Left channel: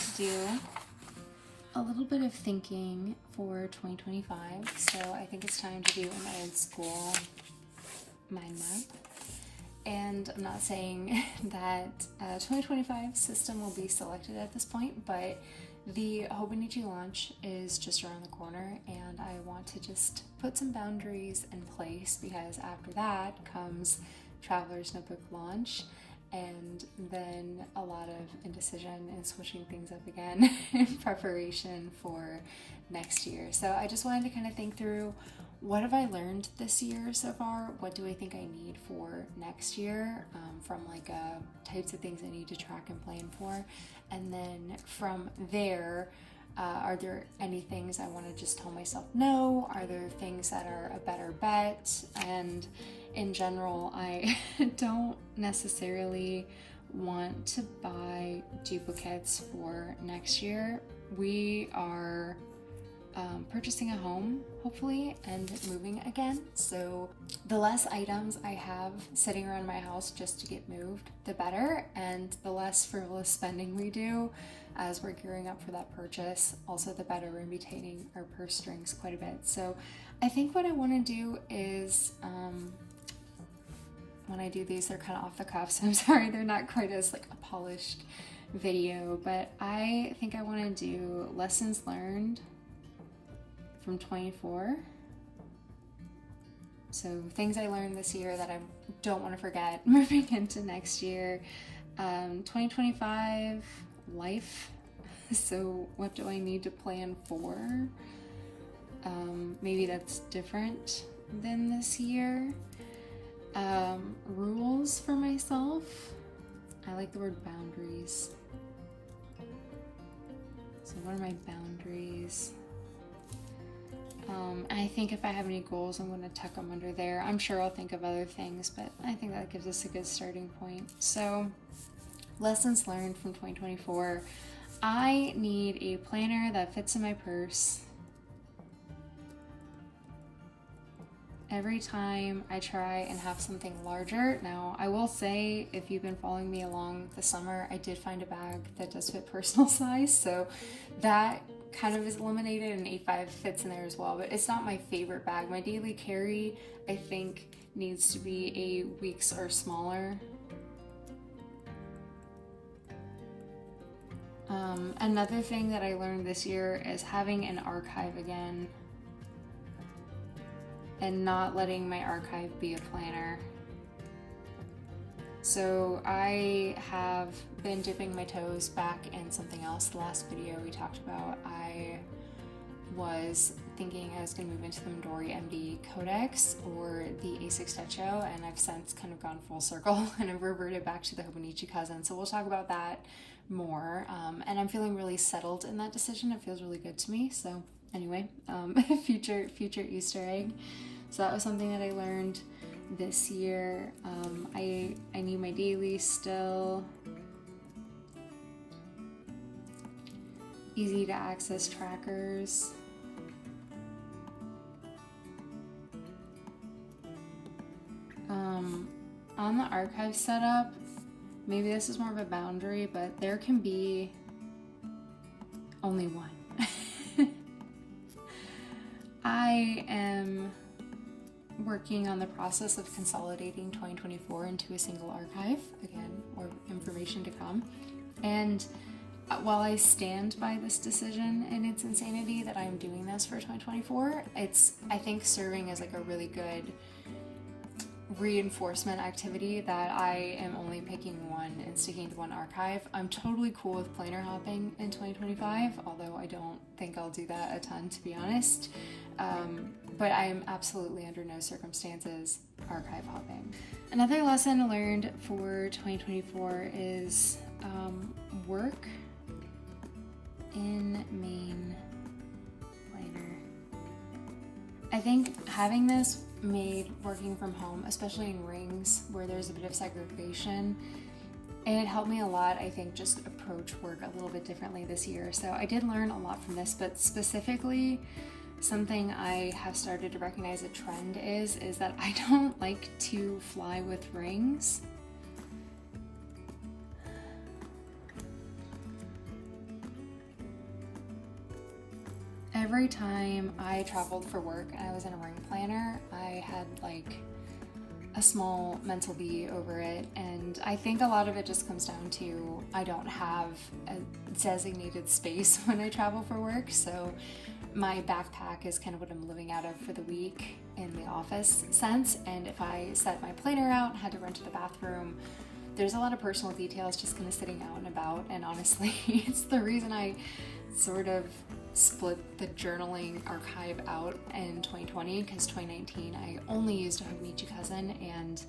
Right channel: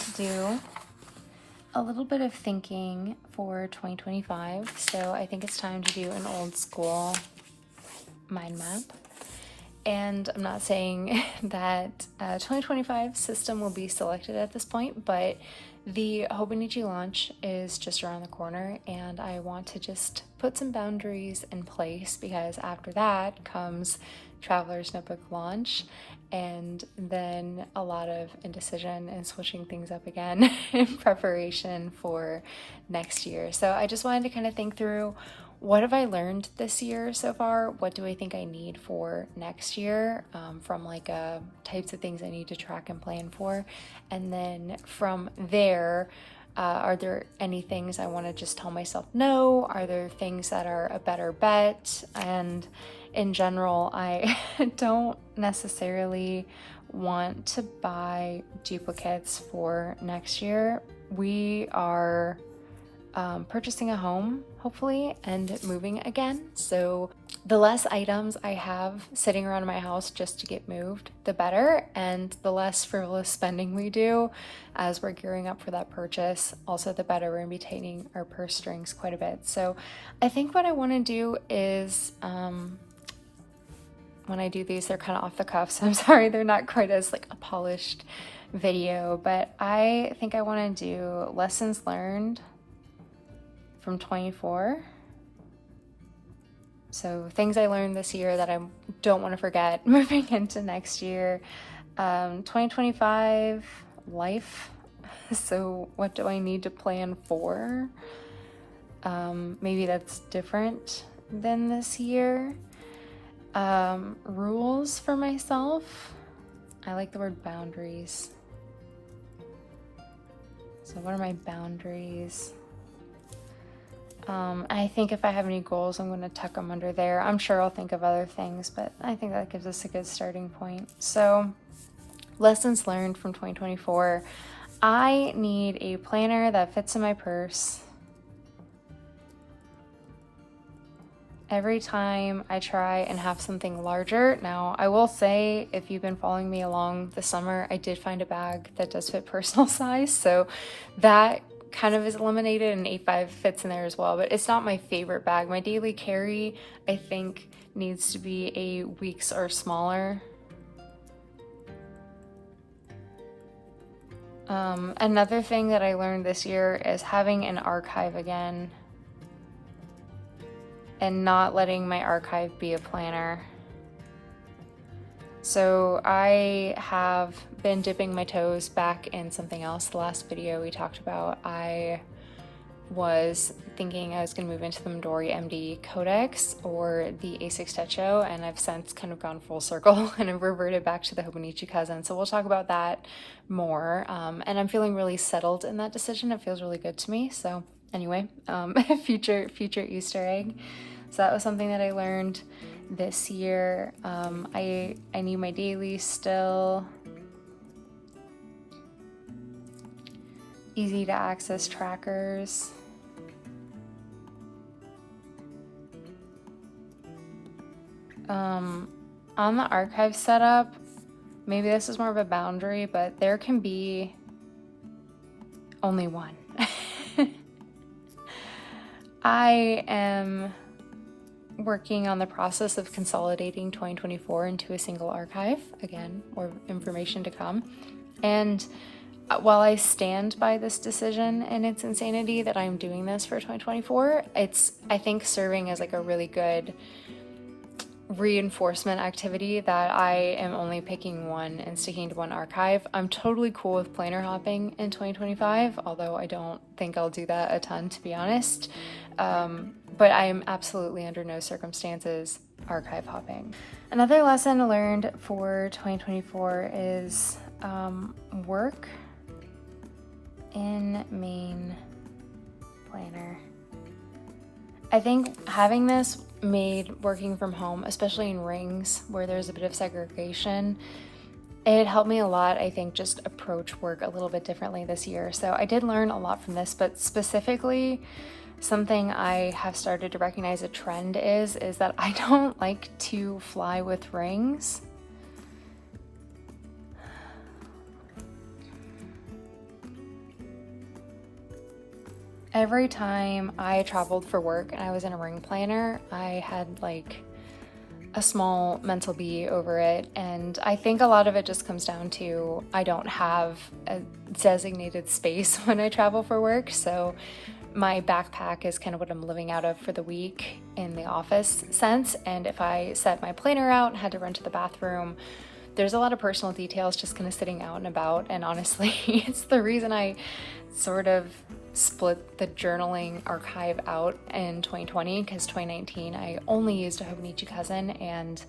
to do a little bit of thinking for 2025. So I think it's time to do an old school mind map. And I'm not saying that 2025 system will be selected at this point, but the hobonichi launch is just around the corner, and I want to just put some boundaries in place because after that comes Traveler's Notebook launch, and then a lot of indecision and switching things up again in preparation for next year. So I just wanted to kind of think through, what have I learned this year so far? What do I think I need for next year, from like types of things I need to track and plan for? And then from there, are there any things I want to just tell myself no? Are there things that are a better bet? And in general, I don't necessarily want to buy duplicates for next year. We are purchasing a home, hopefully, and moving again. So the less items I have sitting around my house just to get moved, the better, and the less frivolous spending we do as we're gearing up for that purchase, also the better. We're gonna be tightening our purse strings quite a bit. So I think what I want to do is, when I do these, they're kind of off the cuff, so I'm sorry they're not quite as like a polished video, but I think I want to do lessons learned from 24. So things I learned this year that I don't want to forget moving into next year. 2025 life. So what do I need to plan for? Maybe that's different than this year. Rules for myself. I like the word boundaries. So what are my boundaries? I think if I have any goals, I'm going to tuck them under there. I'm sure I'll think of other things, but I think that gives us a good starting point. So, lessons learned from 2024. I need a planner that fits in my purse. Every time I try and have something larger. Now, I will say, if you've been following me along the summer, I did find a bag that does fit personal size, so that kind of is eliminated, and 8.5 fits in there as well, but it's not my favorite bag. My daily carry, I think, needs to be a weeks or smaller. Another thing that I learned this year is having an archive again and not letting my archive be a planner. So I have been dipping my toes back in something else. The last video we talked about, I was thinking I was going to move into the Midori MD Codex or the A6 Techo, and I've since kind of gone full circle and I've reverted back to the Hobonichi cousin. So we'll talk about that more. And I'm feeling really settled in that decision. It feels really good to me. So anyway, future Easter egg. So that was something that I learned this year. I need my daily still. Easy to access trackers. On the archive setup, maybe this is more of a boundary, but there can be only one. I am working on the process of consolidating 2024 into a single archive. Again, more information to come. And while I stand by this decision and its insanity that I'm doing this for 2024, it's, I think, serving as like a really good reinforcement activity that I am only picking one and sticking to one archive. I'm totally cool with planner hopping in 2025, although I don't think I'll do that a ton, to be honest. But I'm absolutely under no circumstances archive hopping. Another lesson learned for 2024 is work in main planner. I think having this made working from home, especially in rings where there's a bit of segregation, it helped me a lot, I think, just approach work a little bit differently this year. So I did learn a lot from this, but specifically something I have started to recognize a trend is that I don't like to fly with rings. every time I traveled for work and I was in a ring planner, I had like a small mental bee over it. And I think a lot of it just comes down to I don't have a designated space when I travel for work. So my backpack is kind of what I'm living out of for the week in the office sense. And if I set my planner out and had to run to the bathroom, there's a lot of personal details just kind of sitting out and about. And honestly, it's the reason I sort of split the journaling archive out in 2020, because 2019 I only used a hobonichi cousin, and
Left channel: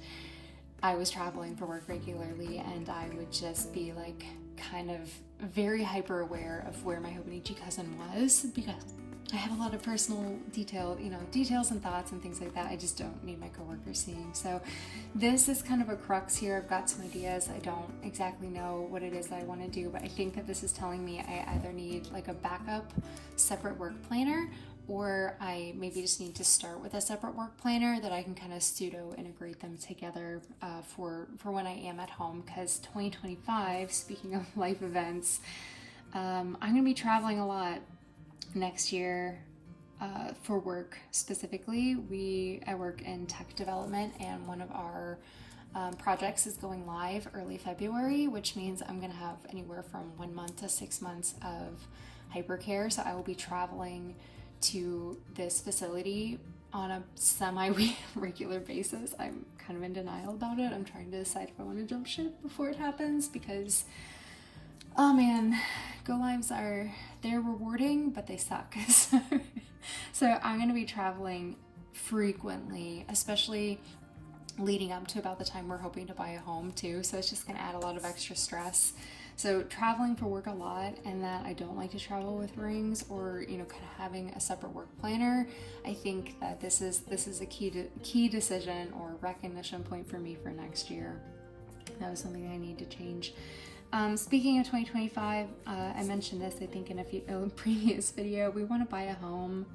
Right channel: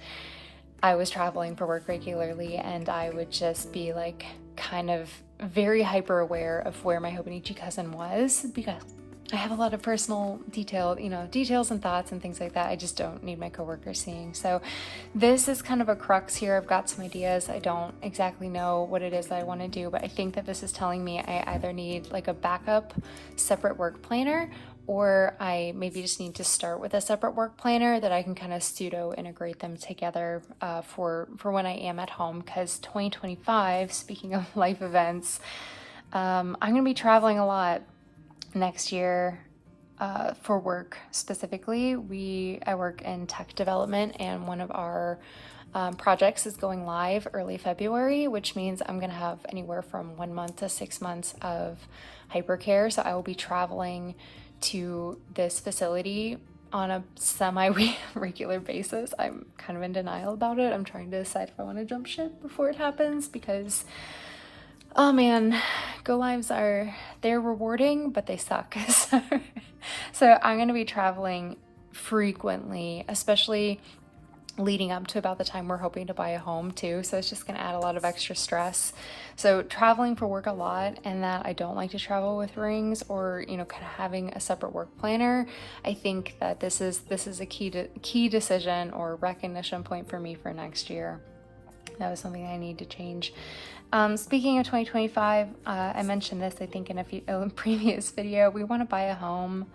I was traveling for work regularly, and I would just be like kind of very hyper aware of where my hobonichi cousin was, because I have a lot of personal details and thoughts and things like that I just don't need my coworkers seeing. So this is kind of a crux here. I've got some ideas. I don't exactly know what it is that I want to do, but I think that this is telling me I either need like a backup separate work planner, or I maybe just need to start with a separate work planner that I can kind of pseudo integrate them together for when I am at home. Because 2025, speaking of life events, I'm going to be traveling a lot next year for work specifically. I work in tech development, and one of our projects is going live early February, which means I'm gonna have anywhere from 1 month to 6 months of hypercare. So I will be traveling to this facility on a semi-regular basis. I'm kind of in denial about it. I'm trying to decide if I want to jump ship before it happens, because oh man, go lives they're rewarding, but they suck. So I'm going to be traveling frequently, especially leading up to about the time we're hoping to buy a home too. So it's just going to add a lot of extra stress. So traveling for work a lot, and that I don't like to travel with rings or, kind of having a separate work planner. I think that this is a key decision or recognition point for me for next year. That was something I need to change. Speaking of 2025, I mentioned this, I think, in a previous video. We want to buy a home,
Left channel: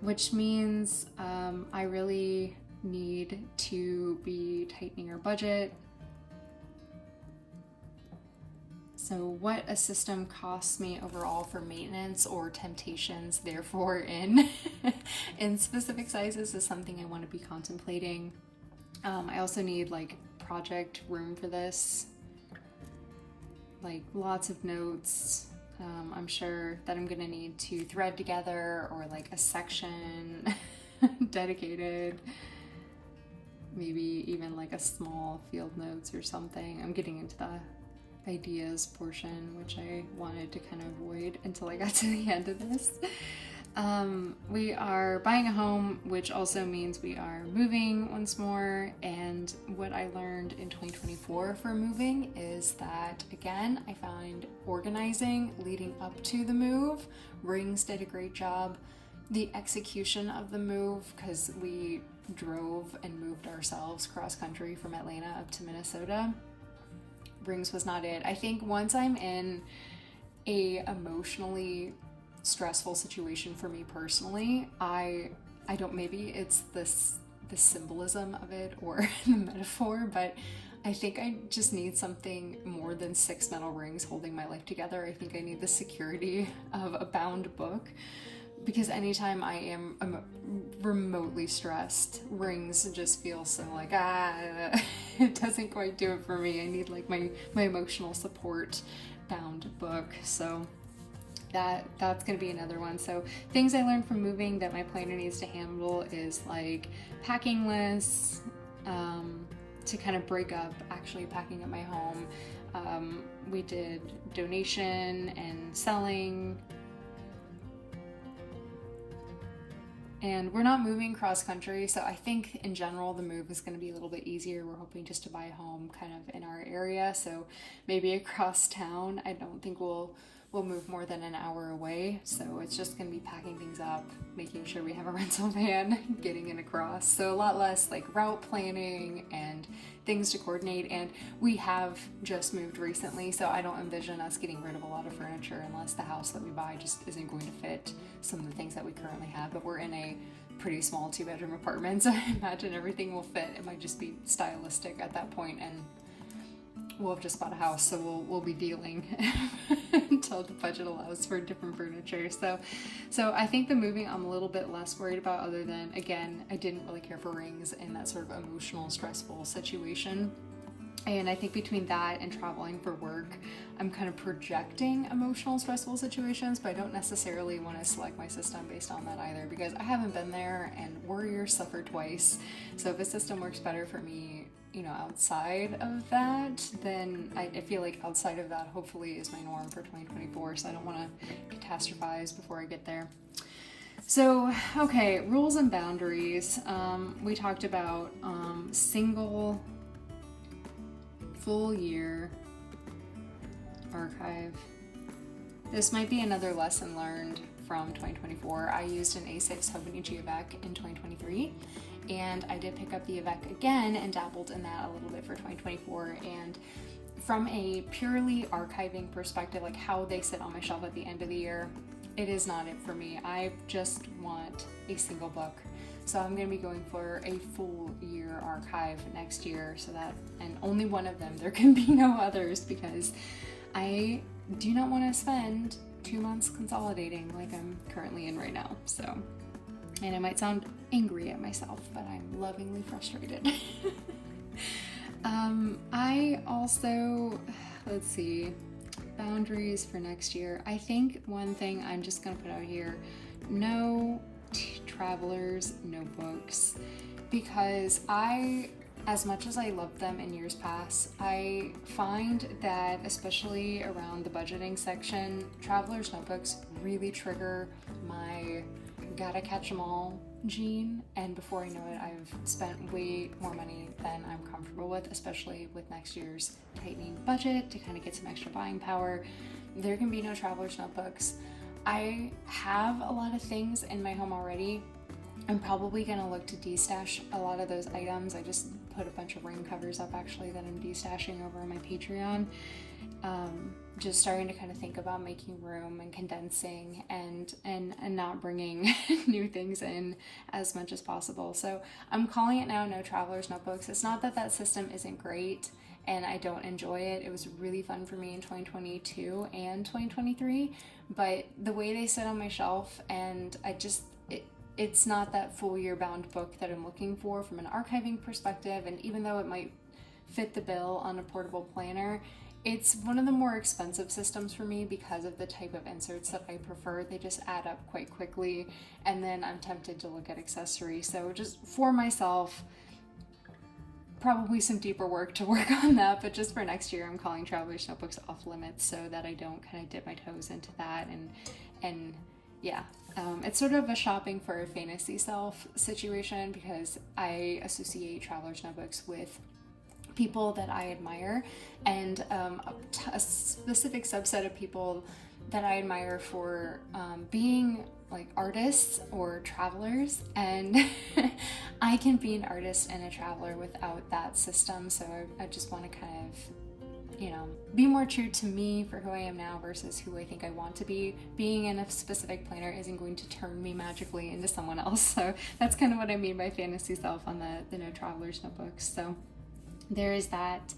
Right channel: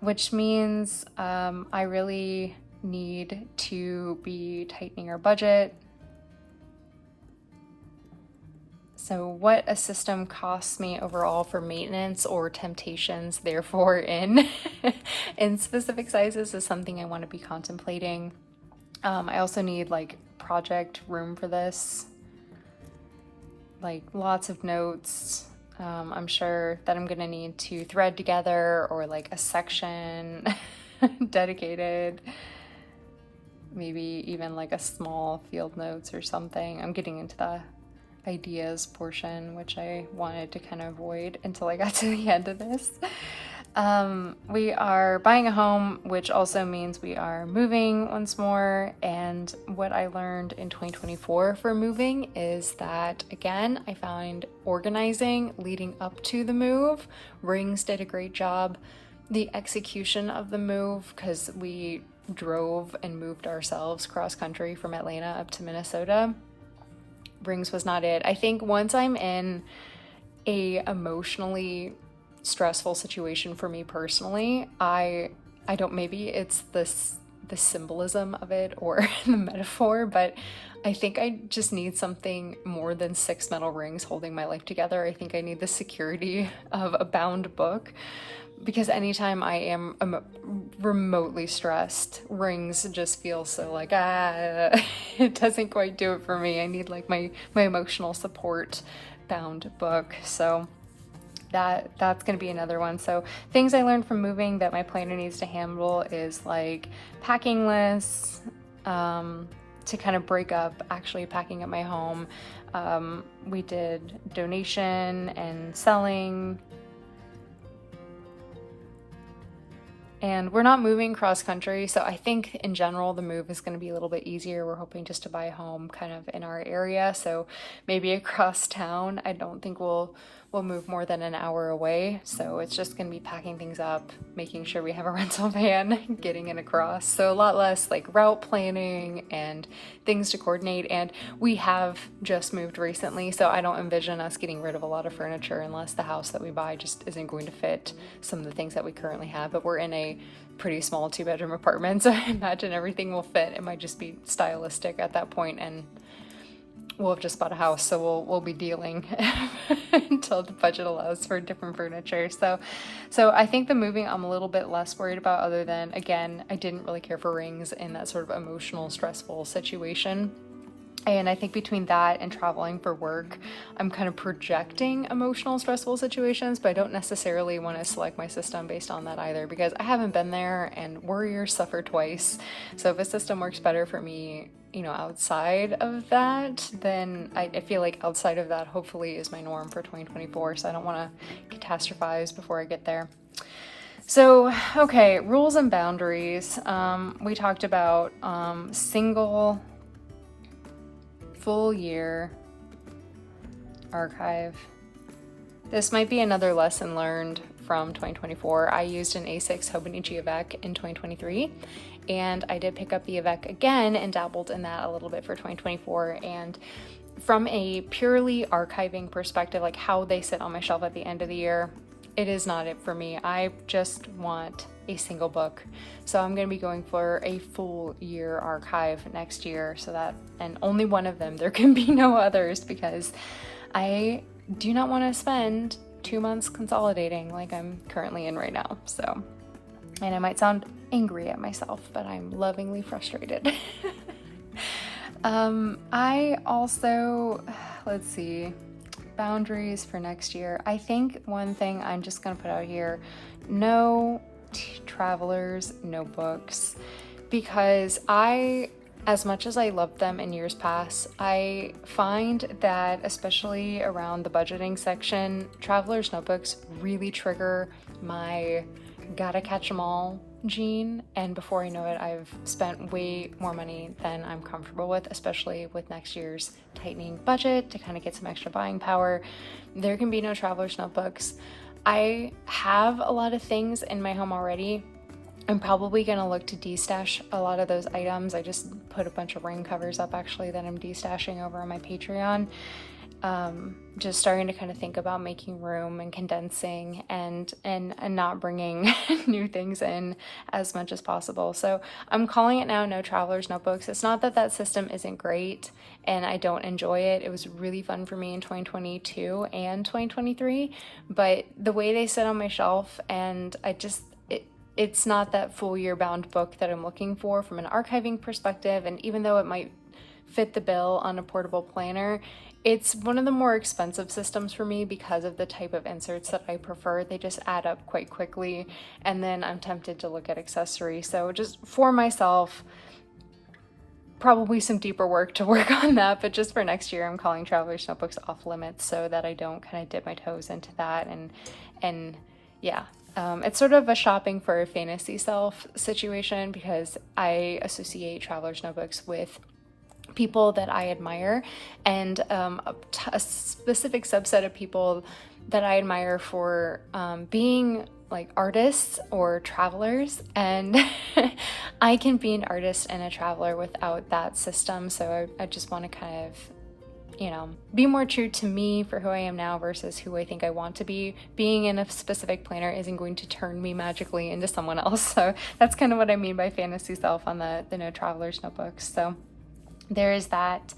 which means I really need to be tightening our budget. So what a system costs me overall for maintenance or temptations, therefore, in specific sizes is something I want to be contemplating. I also need like project room for this. Like lots of notes. I'm sure that I'm gonna need to thread together, or like a section dedicated, maybe even like a small field notes or something. I'm getting into the ideas portion, which I wanted to kind of avoid until I got to the end of this. We are buying a home, which also means we are moving once more. And what I learned in 2024 for moving is that, again, I found organizing leading up to the move. Rings did a great job. The execution of the move, because we drove and moved ourselves cross country from Atlanta up to Minnesota, Rings was not it. I think once I'm in a emotionally stressful situation for me personally, I don't, maybe it's the symbolism of it or the metaphor, but I think I just need something more than 6 metal rings holding my life together. I think I need the security of a bound book, because anytime I am remotely stressed, rings just feel so like, it doesn't quite do it for me. I need like my emotional support bound book. So that's going to be another one. So things I learned from moving that my planner needs to handle is like packing lists, to kind of break up actually packing up my home. We did donation and selling, and we're not moving cross country. So I think in general, the move is going to be a little bit easier. We're hoping just to buy a home kind of in our area. So maybe across town. I don't think we'll move more than an hour away. So it's just going to be packing things up, making sure we have a rental van, getting it across. So a lot less like route planning and things to coordinate. And we have just moved recently, so I don't envision us getting rid of a lot of furniture unless the house that we buy just isn't going to fit some of the things that we currently have. But we're in a pretty small 2-bedroom apartment, so I imagine everything will fit. It might just be stylistic at that point, and we'll have just bought a house, so we'll be dealing until the budget allows for different furniture. So I think the moving I'm a little bit less worried about, other than, again, I didn't really care for rings in that sort of emotional, stressful situation. And I think between that and traveling for work, I'm kind of projecting emotional, stressful situations, but I don't necessarily want to select my system based on that either, because I haven't been there, and warriors suffer twice. So if a system works better for me, you know, outside of that, then I feel like outside of that hopefully is my norm for 2024. So I don't want to catastrophize before I get there. So, okay, rules and boundaries. We talked about single full year archive. This might be another lesson learned from 2024. I used an A6 hobonichi avec in 2023, and I did pick up the avec again and dabbled in that a little bit for 2024. And from a purely archiving perspective, like how they sit on my shelf at the end of the year, it is not it for me. I just want a single book. So I'm going to be going for a full year archive next year, so that, and only one of them, there can be no others, because I do not want to spend 2 months consolidating like I'm currently in right now. So, and I might sound angry at myself, but I'm lovingly frustrated. I also, let's see, boundaries for next year. I think one thing I'm just going to put out here, no travelers notebooks, because as much as I loved them in years past, I find that especially around the budgeting section, travelers notebooks really trigger my gotta catch them all gene, and before I know it, I've spent way more money than I'm comfortable with, especially with next year's tightening budget to kind of get some extra buying power. There can be no travelers notebooks. I have a lot of things in my home already. I'm probably gonna look to destash a lot of those items. I just put a bunch of ring covers up actually that I'm destashing over on my Patreon. Just starting to kind of think about making room and condensing and not bringing new things in as much as possible. So I'm calling it now no travelers notebooks. It's not that that system isn't great and I don't enjoy it. It was really fun for me in 2022 and 2023, but the way they sit on my shelf, and it's not that full year bound book that I'm looking for from an archiving perspective. And even though it might fit the bill on a portable planner, it's one of the more expensive systems for me because of the type of inserts that I prefer. They just add up quite quickly, and then I'm tempted to look at accessories. So just for myself, probably some deeper work to work on that, but just for next year, I'm calling travelers notebooks off limits so that I don't kind of dip my toes into that. And yeah. It's sort of a shopping for a fantasy self situation, because I associate travelers notebooks with people that I admire, and a specific subset of people that I admire for being like artists or travelers, and I can be an artist and a traveler without that system. So I just want to kind of, you know, be more true to me for who I am now versus who I think I want to be. Being in a specific planner isn't going to turn me magically into someone else. So that's kind of what I mean by fantasy self on the no travelers notebooks. So there is that.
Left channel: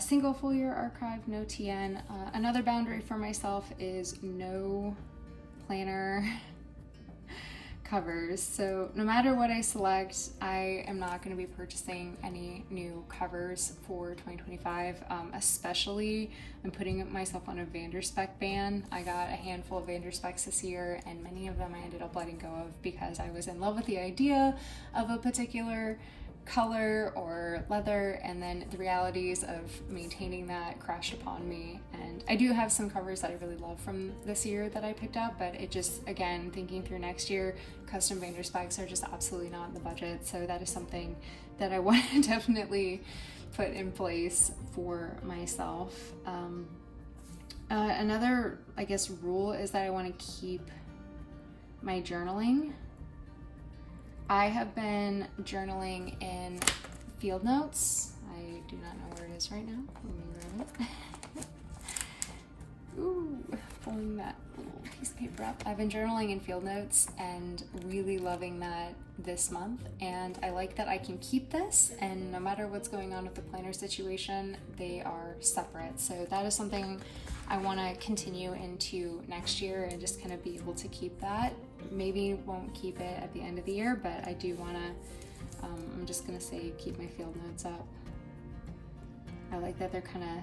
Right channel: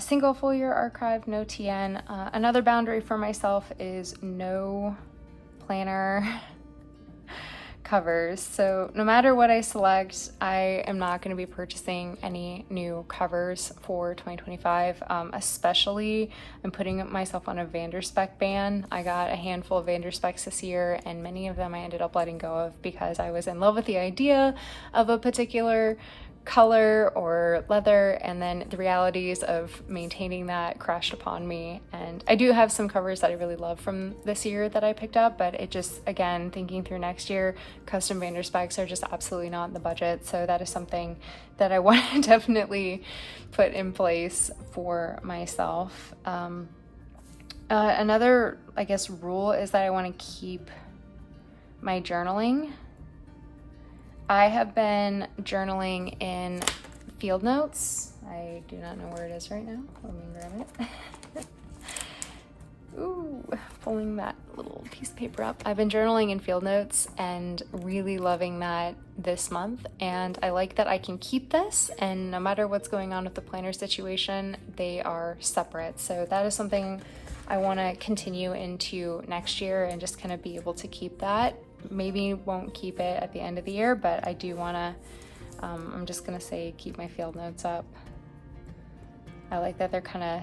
Single full year archive, no TN. Another boundary for myself is no planner covers. So no matter what I select, I am not going to be purchasing any new covers for 2025. Especially, I'm putting myself on a Vanderspec ban. I got a handful of Vanderspecs this year, and many of them I ended up letting go of because I was in love with the idea of a particular color or leather, and then the realities of maintaining that crashed upon me. And I do have some covers that I really love from this year that I picked up, but it just, again, thinking through next year, custom Vanderspecs are just absolutely not in the budget. So that is something that I want to definitely put in place for myself. Another, I guess, rule is that I want to keep my journaling. I have been journaling in field notes. I do not know where it is right now. Let me grab it. Ooh, pulling that little piece of paper up. I've been journaling in field notes and really loving that this month, and I like that I can keep this, and no matter what's going on with the planner situation, they are separate. So that is something I want to continue into next year and just kind of be able to keep that. Maybe won't keep it at the end of the year, but I do want to, I'm just going to say keep my field notes up. I like that they're kind of,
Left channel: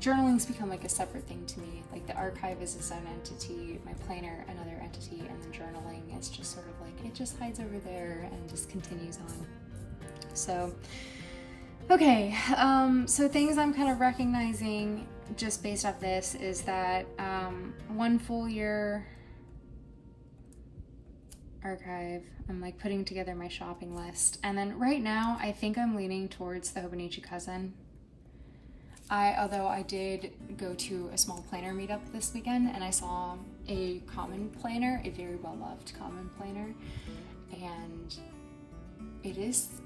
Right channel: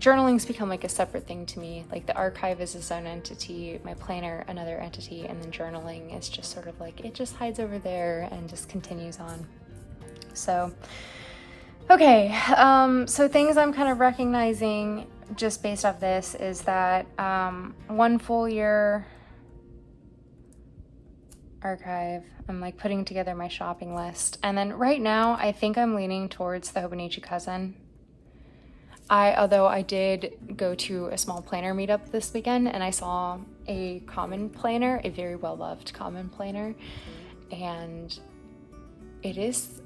journaling's become like a separate thing to me. Like the archive is its own entity, my planner another entity, and then journaling is just sort of like, it just hides over there and just continues on. So, okay, so things I'm kind of recognizing just based off this is that 1 full year archive, I'm like putting together my shopping list, and then right now I think I'm leaning towards the Hobonichi cousin. Although I did go to a small planner meetup this weekend and I saw a common planner, a very well-loved common planner, and it is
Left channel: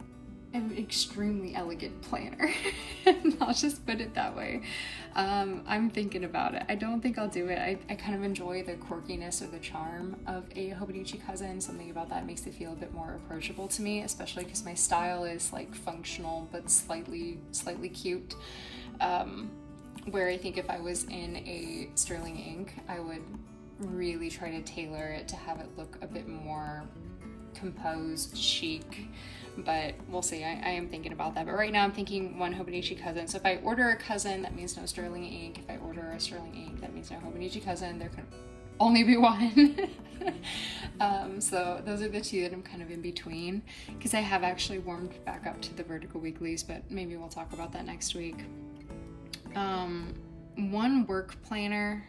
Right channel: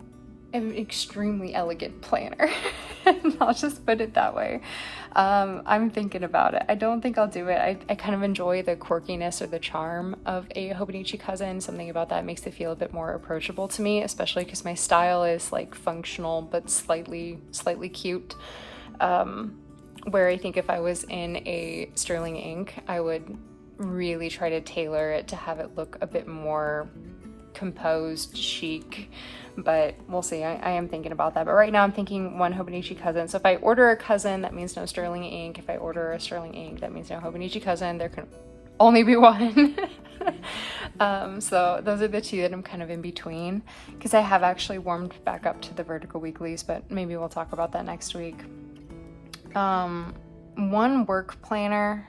an extremely elegant planner. I'll just put it that way. I'm thinking about it. I don't think I'll do it. I kind of enjoy the quirkiness or the charm of a Hobonichi cousin. Something about that makes it feel a bit more approachable to me, especially because my style is like functional but slightly cute. Where I think if I was in a sterling ink, I would really try to tailor it to have it look a bit more composed, chic, but we'll see. I am thinking about that, but right now I'm thinking 1 Hobonichi cousin. So if I order a cousin, that means no sterling ink. If I order a sterling ink, that means no Hobonichi cousin. There can only be 1. So those are the 2 that I'm kind of in between, because I have actually warmed back up to the vertical weeklies, but maybe we'll talk about that next week. 1 work planner.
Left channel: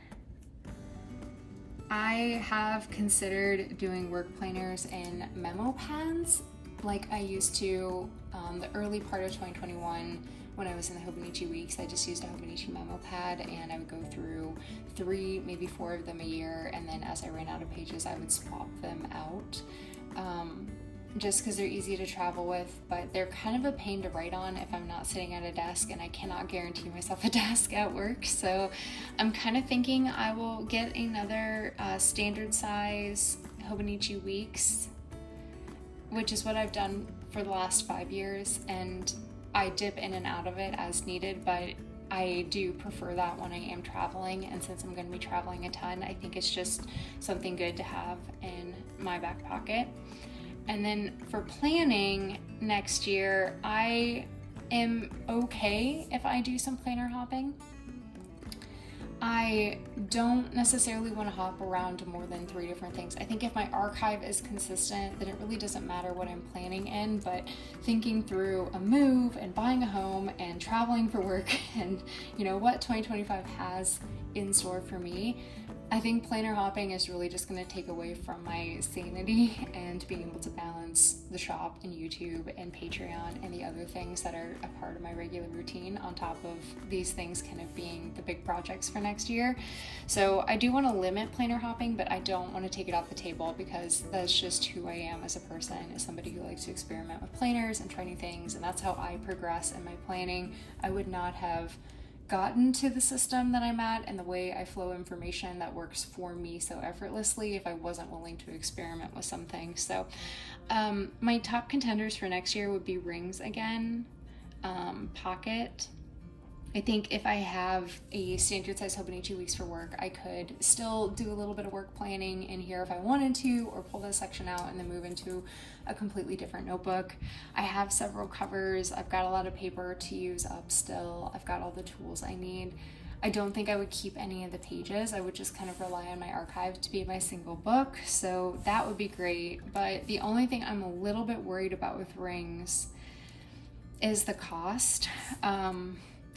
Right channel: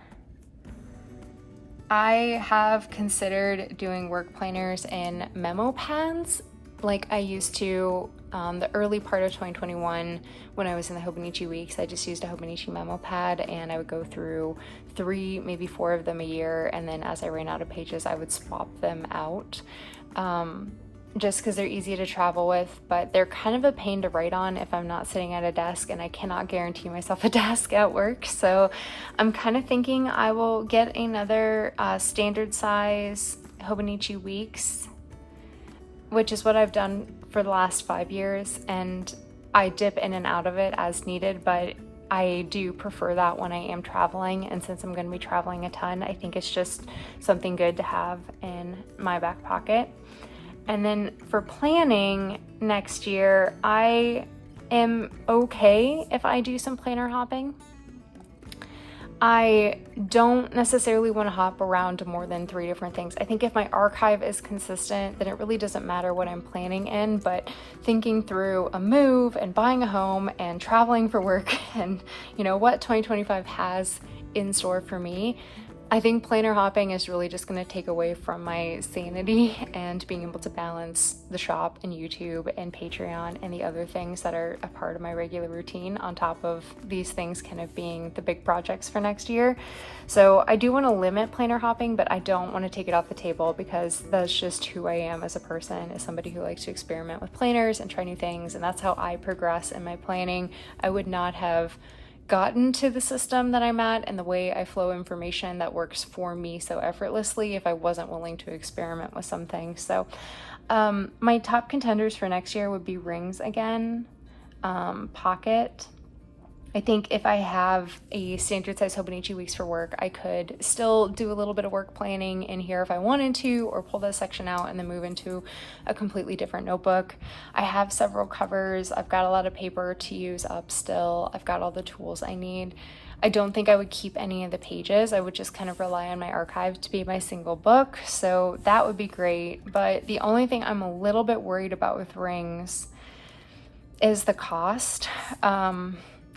I have considered doing work planners in memo pads like I used to the early part of 2021 when I was in the Hobonichi weeks. I just used a Hobonichi memo pad and I would go through 3, maybe 4 of them a year, and then as I ran out of pages I would swap them out. Just because they're easy to travel with, but they're kind of a pain to write on if I'm not sitting at a desk, and I cannot guarantee myself a desk at work. So I'm kind of thinking I will get another standard size Hobonichi weeks, which is what I've done for the last 5 years, and I dip in and out of it as needed, but I do prefer that when I am traveling, and since I'm going to be traveling a ton, I think it's just something good to have in my back pocket. And then for planning next year, I am okay if I do some planner hopping. I don't necessarily want to hop around to more than 3 different things. I think if my archive is consistent, then it really doesn't matter what I'm planning in, but thinking through a move and buying a home and traveling for work and, you know, what 2025 has in store for me, I think planner hopping is really just going to take away from my sanity and being able to balance the shop and YouTube and Patreon and the other things that are a part of my regular routine on top of these things kind of being the big projects for next year. So I do want to limit planner hopping, but I don't want to take it off the table because that's just who I am as a person, as somebody who likes to experiment with planners and try new things, and that's how I progress in my planning. I would not have gotten to the system that I'm at and the way I flow information that works for me so effortlessly if I wasn't willing to experiment with some things. So my top contenders for next year would be rings again, pocket. I think if I have a standard size Hobonichi weeks for work, I could still do a little bit of work planning in here if I wanted to, or pull this section out and then move into a completely different notebook. I have several covers. I've got a lot of paper to use up still. I've got all the tools I need. I don't think I would keep any of the pages. I would just kind of rely on my archive to be my single book. So that would be great. But the only thing I'm a little bit worried about with rings is the cost.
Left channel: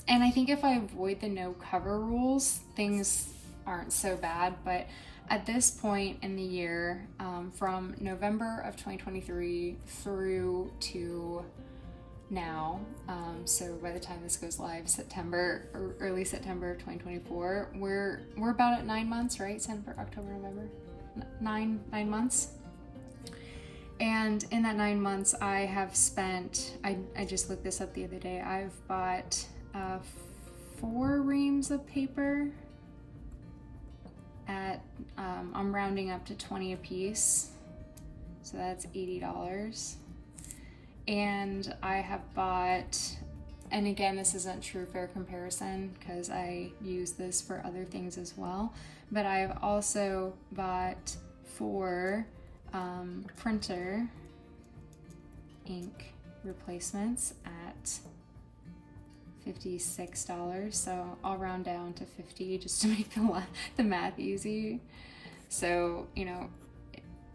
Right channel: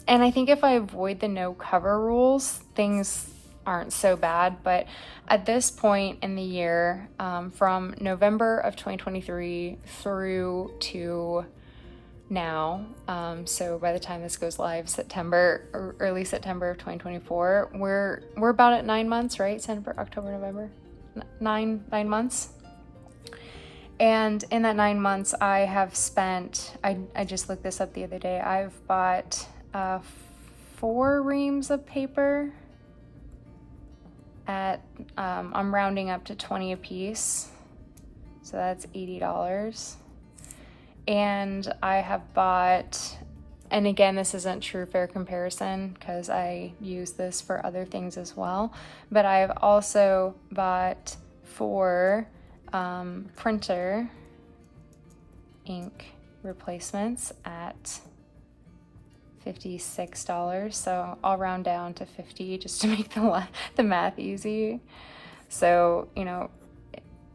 And I think if I avoid the no cover rules, things aren't so bad. But at this point in the year, from November of 2023 through to now, so by the time this goes live, September or early September of 2024, we're about at 9 months, right? September, October, November, nine months. And in that 9 months, I have spent, I just looked this up the other day, I've bought 4 reams of paper. at, I'm rounding up to 20 a piece, so that's $80. And I have bought, and again, this isn't true fair comparison because I use this for other things as well, but I've also bought 4 printer ink replacements at $56, so I'll round down to 50 just to make the math easy. So, you know,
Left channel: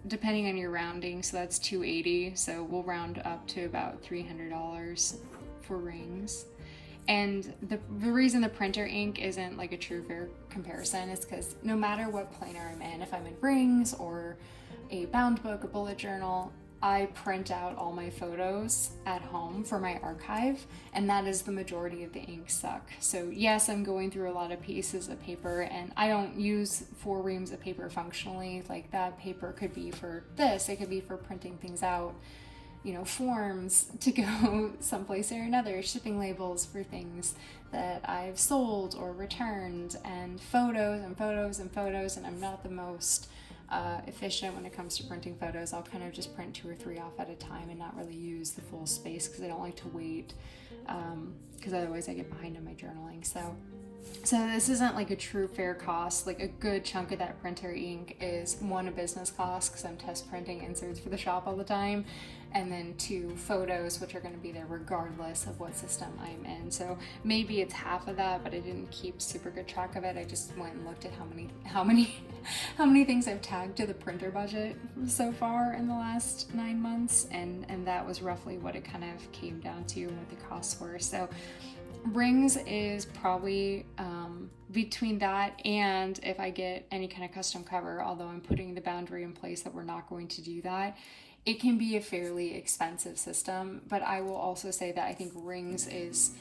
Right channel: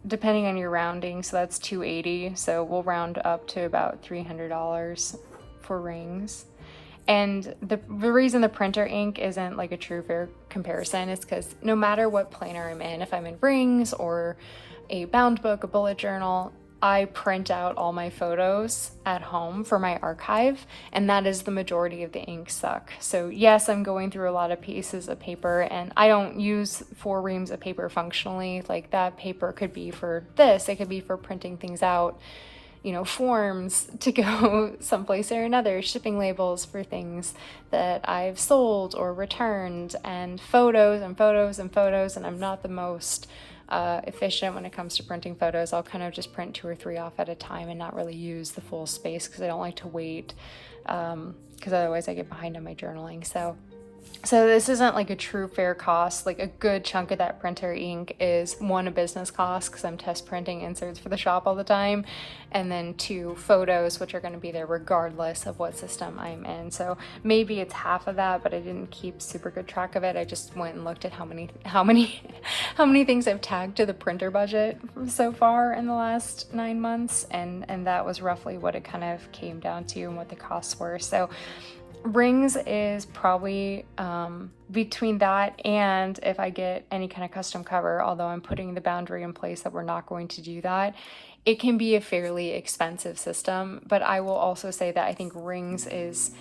depending on your rounding, so that's $280, so we'll round up to about $300 for rings. And the reason the printer ink isn't like a true fair comparison is because no matter what planner I'm in, if I'm in rings or a bound book, a bullet journal, I print out all my photos at home for my archive, and that is the majority of the ink suck. So yes, I'm going through a lot of pieces of paper, and I don't use 4 reams of paper functionally. Like, that paper could be for this, it could be for printing things out, you know, forms to go someplace or another, shipping labels for things that I've sold or returned, and photos and photos and photos, and I'm not the most efficient when it comes to printing photos. I'll kind of just print 2 or 3 off at a time and not really use the full space because I don't like to wait, because otherwise I get behind on my journaling. So this isn't like a true fair cost. Like, a good chunk of that printer ink is 1, a business cost because I'm test printing inserts for the shop all the time, and then 2, photos, which are going to be there regardless of what system I'm in. So maybe it's half of that, but I didn't keep super good track of it. I just went and looked at how many things I've tagged to the printer budget so far in the last 9 months, and that was roughly what it kind of came down to and what the costs were. So rings is probably between that and if I get any kind of custom cover, although I'm putting the boundary in place that we're not going to do that, it can be a fairly expensive system. But I will also say that I think rings is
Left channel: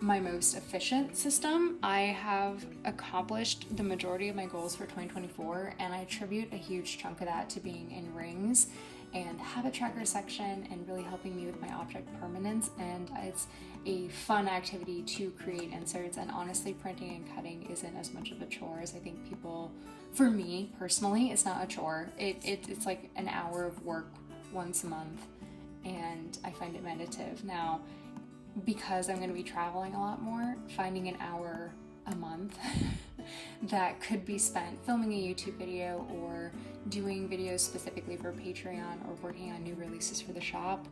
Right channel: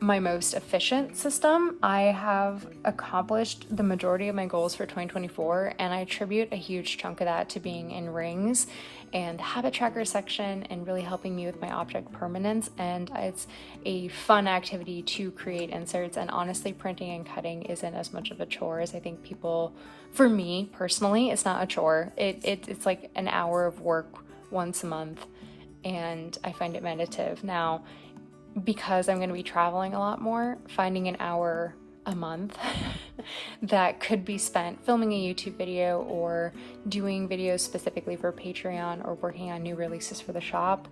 my most efficient system. I have accomplished the majority of my goals for 2024, and I attribute a huge chunk of that to being in rings and the habit tracker section and really helping me with my object permanence. And it's a fun activity to create inserts, and honestly, printing and cutting isn't as much of a chore as I think people, for me personally, it's not a chore. It's like an hour of work once a month, and I find it meditative. Now, because I'm going to be traveling a lot more, finding an hour a month that could be spent filming a YouTube video or doing videos specifically for Patreon or working on new releases for the shop,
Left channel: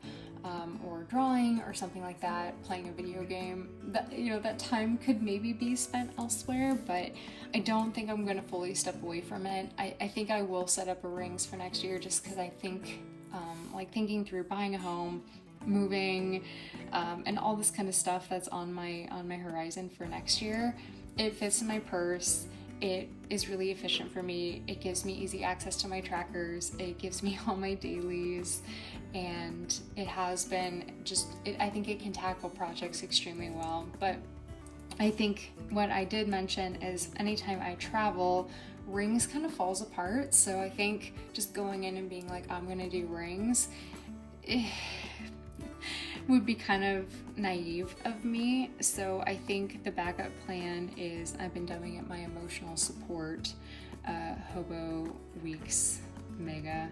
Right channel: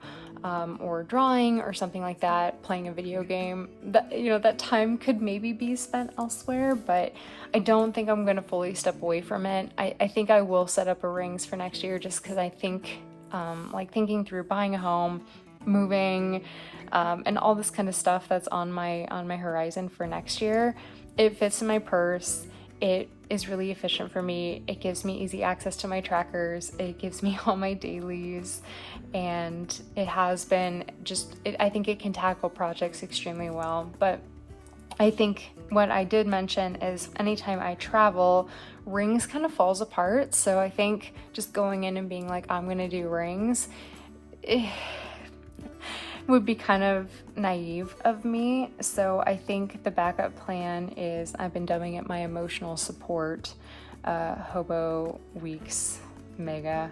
or drawing or something like that, playing a video game, that, you know, that time could maybe be spent elsewhere, but I don't think I'm going to fully step away from it. I think I will set up a rings for next year just because I think, like, thinking through buying a home, moving, and all this kind of stuff that's on my horizon for next year. It fits in my purse. It is really efficient for me. It gives me easy access to my trackers. It gives me all my dailies, and it has been I think it can tackle projects extremely well. But I think what I did mention is anytime I travel, rings kind of falls apart. So I think just going in and being like, I'm gonna do rings, would be kind of naive of me. So I think the backup plan is, I've been dubbing it my emotional support Hobo Weeks Mega.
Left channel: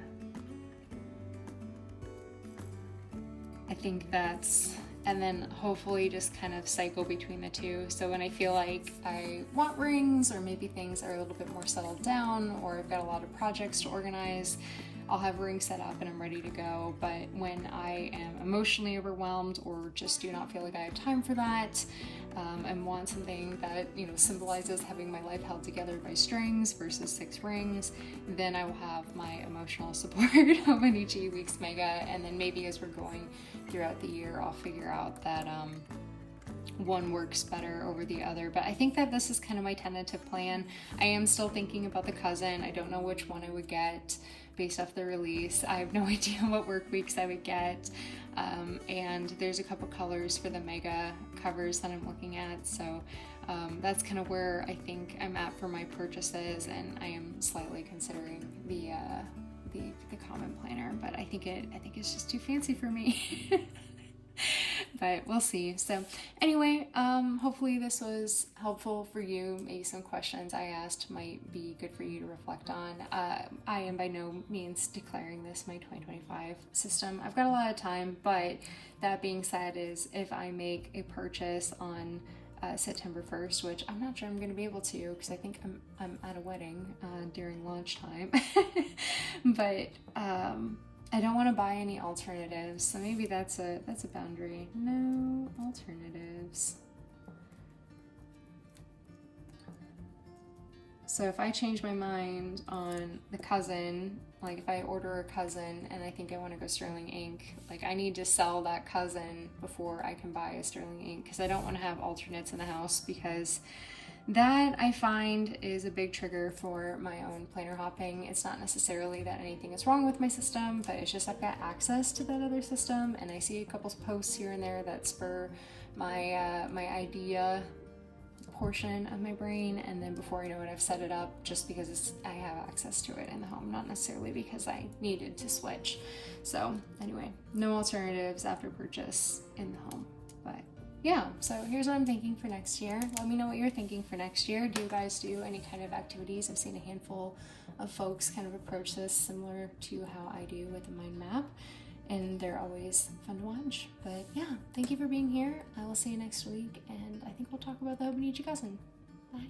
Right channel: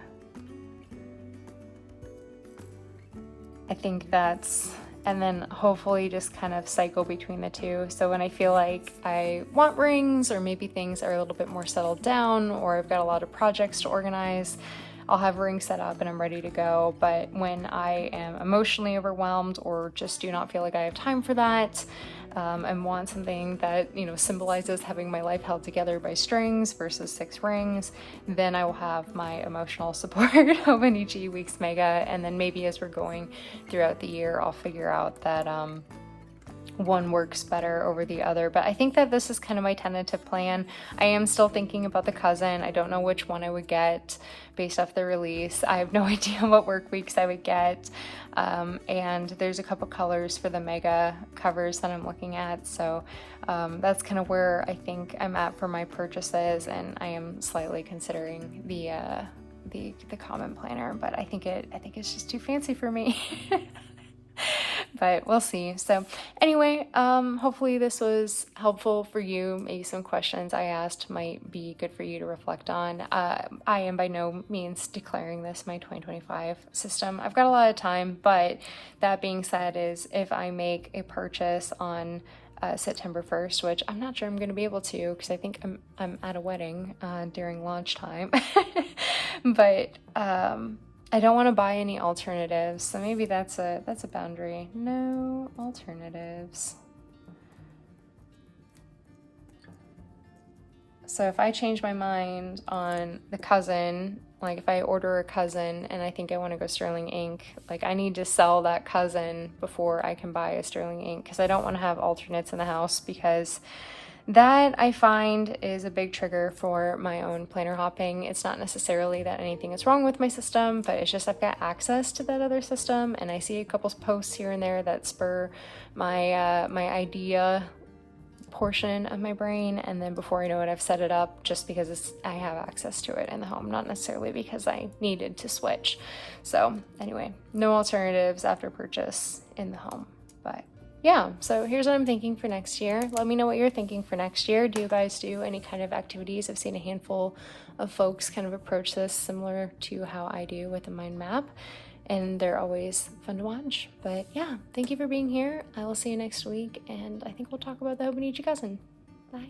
I think that's, and then hopefully just kind of cycle between the two. So when I feel like I want rings, or maybe things are a little bit more settled down, or I've got a lot of projects to organize, I'll have rings set up and I'm ready to go. But when I am emotionally overwhelmed or just do not feel like I have time for that, and want something that, you know, symbolizes having my life held together by strings versus 6 rings, then I will have my emotional support hobonichi Weeks Mega. And then maybe as we're going throughout the year, I'll figure out that one works better over the other. But I think that this is kind of my tentative plan. I am still thinking about the cousin. I don't know which one I would get based off the release. I have no idea what work weeks I would get. And there's a couple colors for the mega covers that I'm looking at. So that's kind of where I think I'm at for my purchases, and I am slightly considering the common planner, but I think it's just too fancy for me. but we'll see. So anyway, hopefully this was helpful for you. Maybe some questions I asked might be good for you to reflect on. I am by no means declaring this my 2025 system. I've got a lot of time, but that being said, is if I make a purchase on September 1st, which I'm not sure I'm going to be able to because I think I'm at a wedding during launch time, but I don't want to buy any alternatives, so maybe that's a boundary. No alternatives. So if I change my mind on the cousin, like if I order a cousin and I think I want to go sterling ink, like I need to sell that cousin before I can buy a sterling ink because I don't want to have alternates in the house, because that I find is a big trigger for my own planner hopping. It's not necessarily that anything is wrong with my system, but it's just I've got access to that other system and I see a couple posts here and there that spur my my idea portion of my brain, and then before I know it I've set it up just because I have access to it in the home, not necessarily because I needed to switch. So anyway, no alternatives after purchase in the home. But yeah, so here's what I'm thinking for next year. Let me know what you're thinking for next year. Do you guys do any kind of activities? I've seen a handful of folks kind of approach this similar to how I do with a mind map, and they're always fun to watch. But yeah, thank you for being here. I will see you next week, and I think we'll talk about the hobonichi cousin. Bye.